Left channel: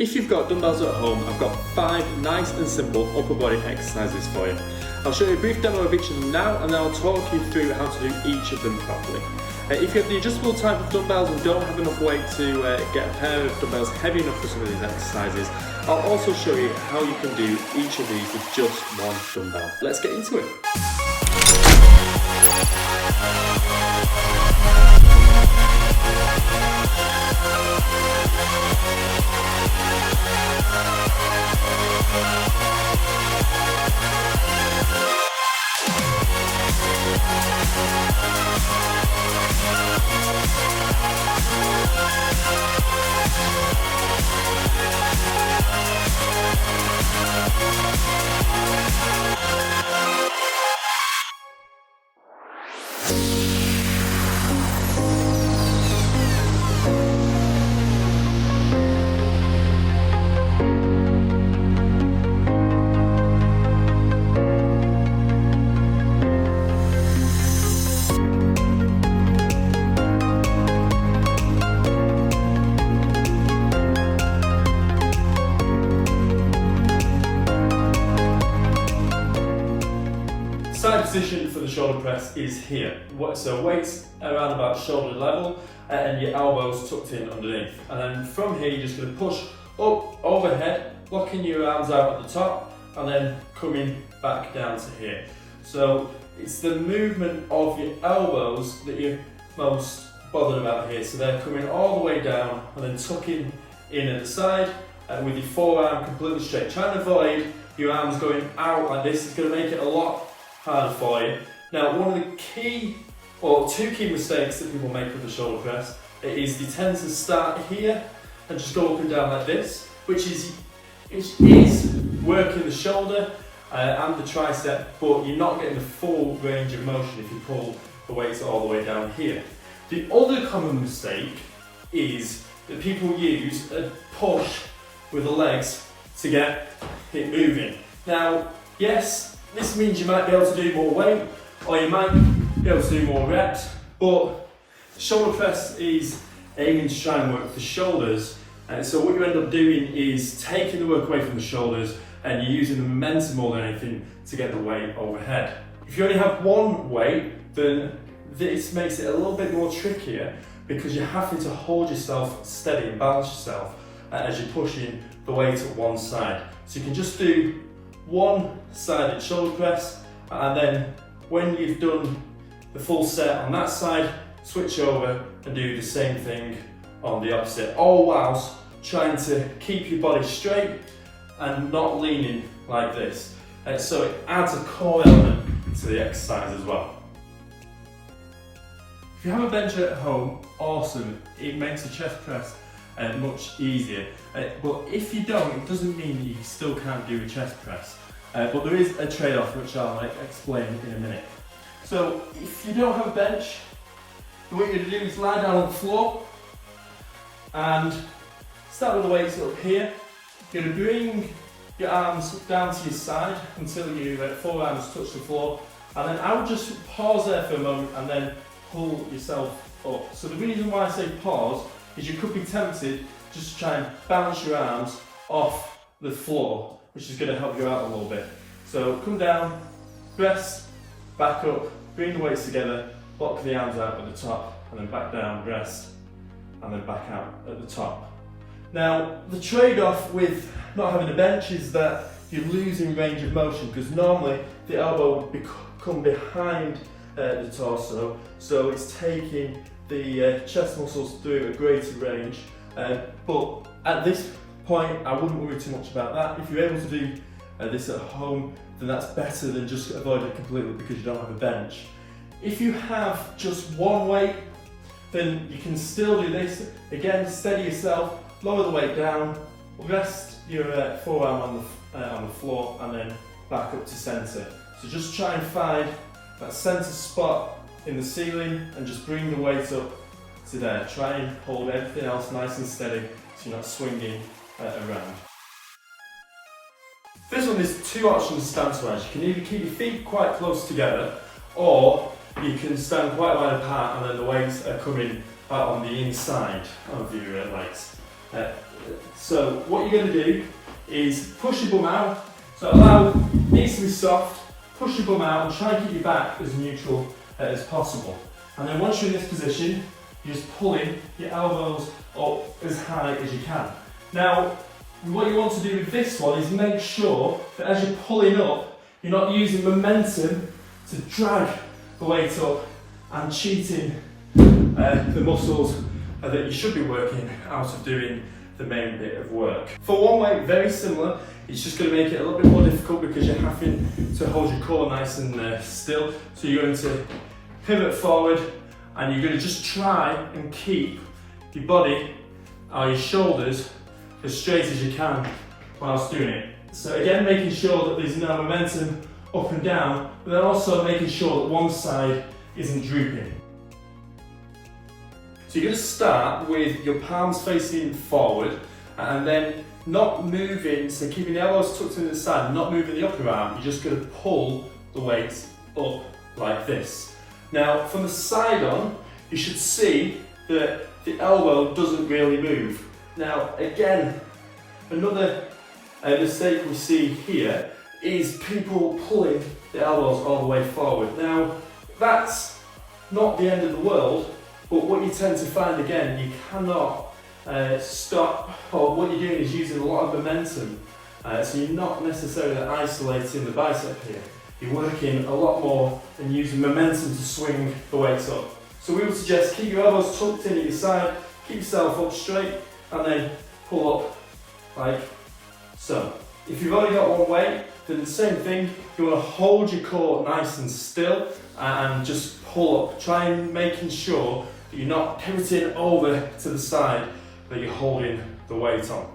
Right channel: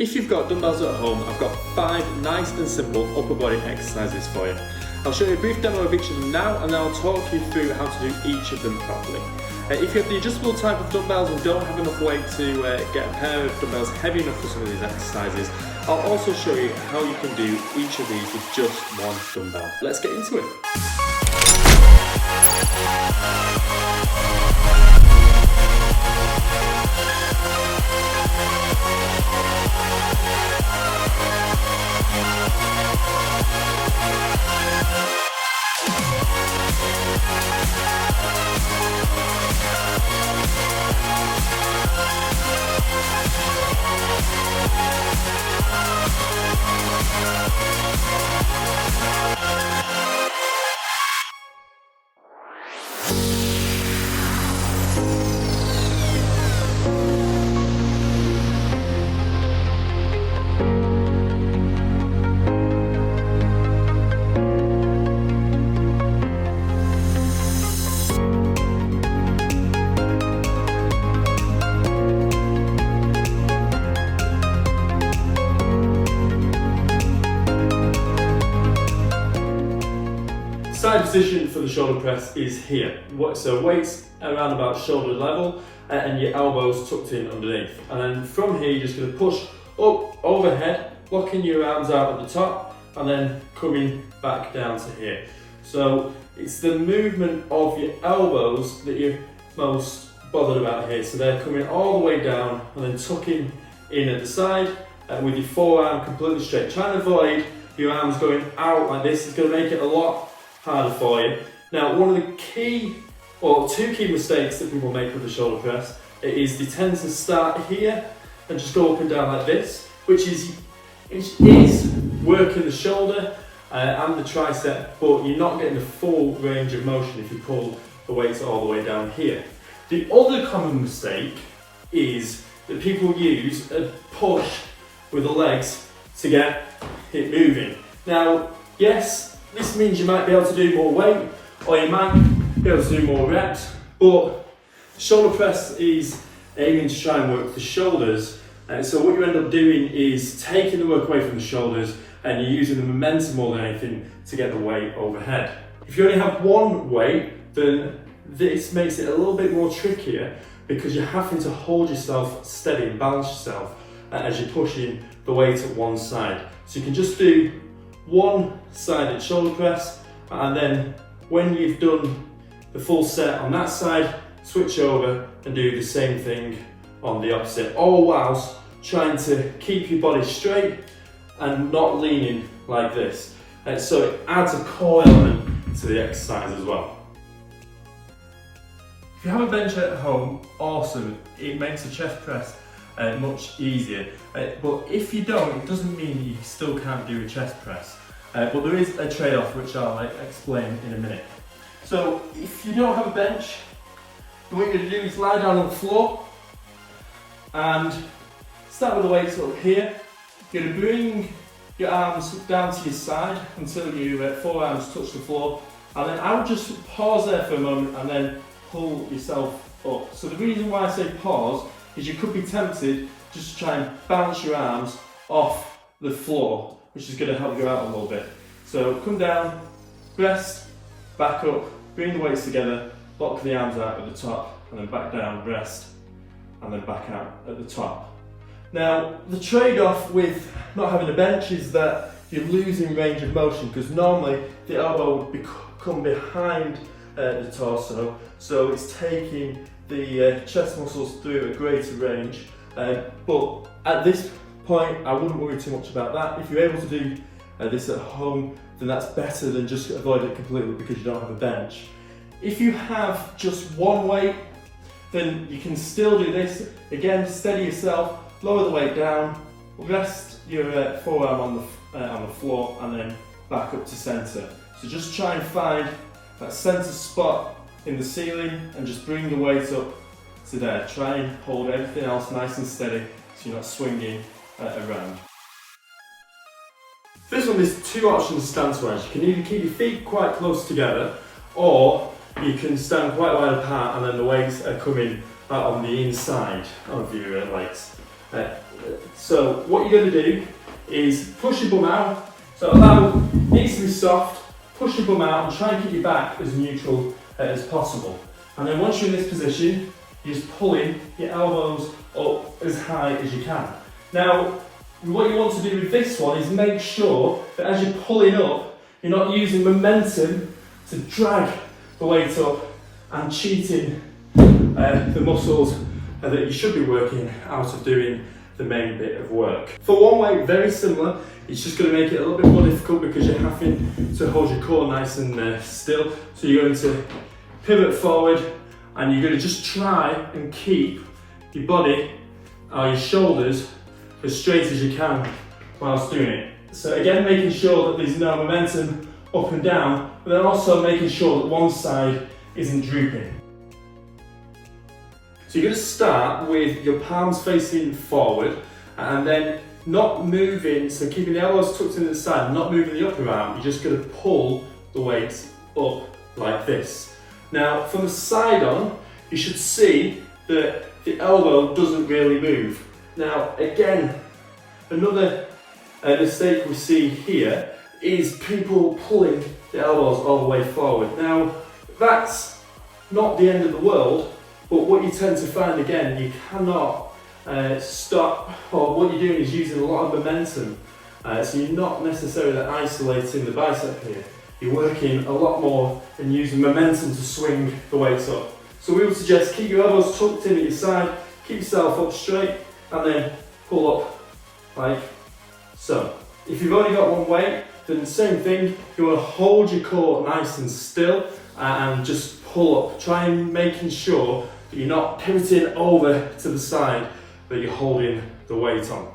If you've got dumbbells at home, I've got 5 nice and simple upper body exercises for you. I'll show you a brief demo of each of them now, and then I'll talk you through how to do each of them properly. If you have the adjustable type of dumbbells and don't have enough weight to get a pair of dumbbells heavy enough for some of these exercises, I'll also show you how you can do each of these with just one dumbbell. Let's get into it. Side position for the shoulder press is here. So weights around about shoulder level and your elbows tucked in underneath. And then from here you're just going to push up overhead, locking your arms out at the top and then coming back down to here. So it's the movement of your elbows that you're most bothered about here. So they're coming all the way down and then tucking in at the side with your forearm completely straight. Trying to avoid your arms going out like this is going to make it a lot harder for you. Now, one of the two key mistakes that people make with the shoulder press is they tend to start here and just go up and down like this, which is working the shoulder and the tricep, but you're not getting the full range of motion if you pull the weights all the way down here. The other common mistake is that people use a push with the legs to get it moving. Now, yes, this means you might be able to do more weight, or you might be able to do more reps, but shoulder press is aiming to try and work the shoulders, and so what you end up doing is taking the work away from the shoulders, and you're using the momentum more than anything to get the weight overhead. If you only have one weight, then this makes it a little bit more trickier because you're having to hold yourself steady and balance yourself as you're pushing the weight at one side. So you can just do one-sided shoulder press, and then when you've done the full set on that side, switch over and do the same thing on the opposite, all whilst trying to keep your body straight and not leaning like this. So it adds a core element to the exercise as well. If you have a bench at home, awesome, it makes the chest press much easier, but if you don't, it doesn't mean that you still can't do a chest press, but there is a trade-off which I'll explain in a minute. So if you don't have a bench, what you're going to do is lie down on the floor and start with the weights up here. You're going to bring your arms down to your side until your forearms touch the floor, and then I would just pause there for a moment and then pull yourself up. So the reason why I say pause is you could be tempted just to try and bounce your arms off the floor, which is going to help you out a little bit. So come down, rest, back up, bring the weights together, lock the arms out at the top, and then back down, rest, and then back out at the top. Now, the trade-off with not having a bench is that you're losing range of motion, because normally the elbow would come behind the torso, so it's taking the chest muscles through a greater range, but at this point I wouldn't worry too much about that. If you're able to do this at home, then that's better than just avoid it completely because you don't have a bench. If you have just one weight, then you can still do this. Again, steady yourself, lower the weight down, rest your forearm on the floor, and then back up to centre. So just try and find that centre spot in the ceiling and just bring the weight up to there. Try and hold everything else nice and steady so you're not swinging around. This one, there's two options stance-wise. You can either keep your feet quite close together, or you can stand quite wide apart and then the weights are coming out on the inside of your legs. So what you're going to do is push your bum out. So allow it needs to be soft, push your bum out and try and keep your back as neutral as possible. And then once you're in this position, you're just pulling your elbows up as high as you can. Now, what you want to do with this one is make sure that as you're pulling up, you're not using momentum to drag the weight up and cheating the muscles that you should be working out of doing the main bit of work. For one way, very similar, it's just going to make it a little bit more difficult because you're having to hold your core nice and still. So you're going to pivot forward and you're going to just try and keep your body or your shoulders as straight as you can whilst doing it. So again, making sure that there's no momentum up and down, but then also making sure that one side isn't drooping. So you're going to start with your palms facing forward and then not moving, so keeping the elbows tucked into the side, not moving the upper arm, you're just going to pull the weight up like this. Now from the side on, you should see that the elbow doesn't really move. Now again, another mistake we see here is people pulling the elbows all the way forward. Now that's not the end of the world, but what you tend to find again, you cannot stop, or what you're doing is using a lot of momentum. So you're not necessarily isolating the bicep here. You're working a lot more and using momentum to swing the weights up. So we would suggest keep your elbows tucked in at your side, keep yourself up straight, and then pull up like so. If you've only got one weight, then the same thing, you want to hold your core nice and still and just pull up, try and making sure that you're not pivoting over to the side, that you're holding the weight on.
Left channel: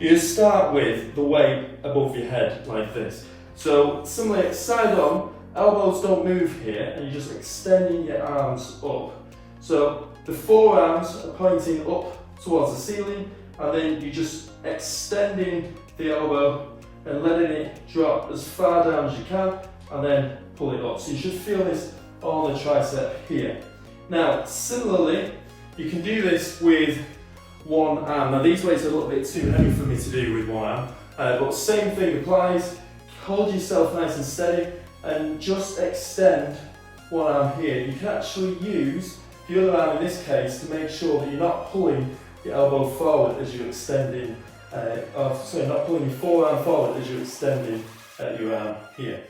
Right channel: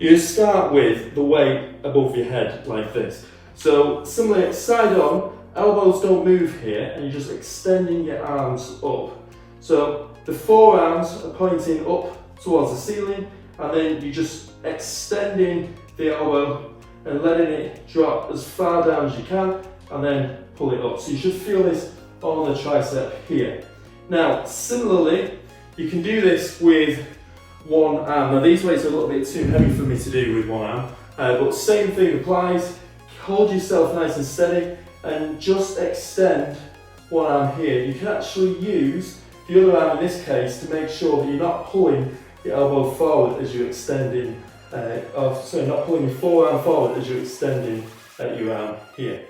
You start with the weight above your head like this. So similarly, side on, elbows don't move here and you're just extending your arms up. So the forearms are pointing up towards the ceiling and then you're just extending the elbow and letting it drop as far down as you can and then pull it up. So you should feel this on the tricep here. Now, similarly, you can do this with one arm. Now these weights are a little bit too heavy for me to do with one arm, but same thing applies. Hold yourself nice and steady and just extend one arm here. You can actually use the other arm in this case to make sure that you're not pulling your elbow forward as you're extending, not pulling your forearm forward as you're extending your arm here.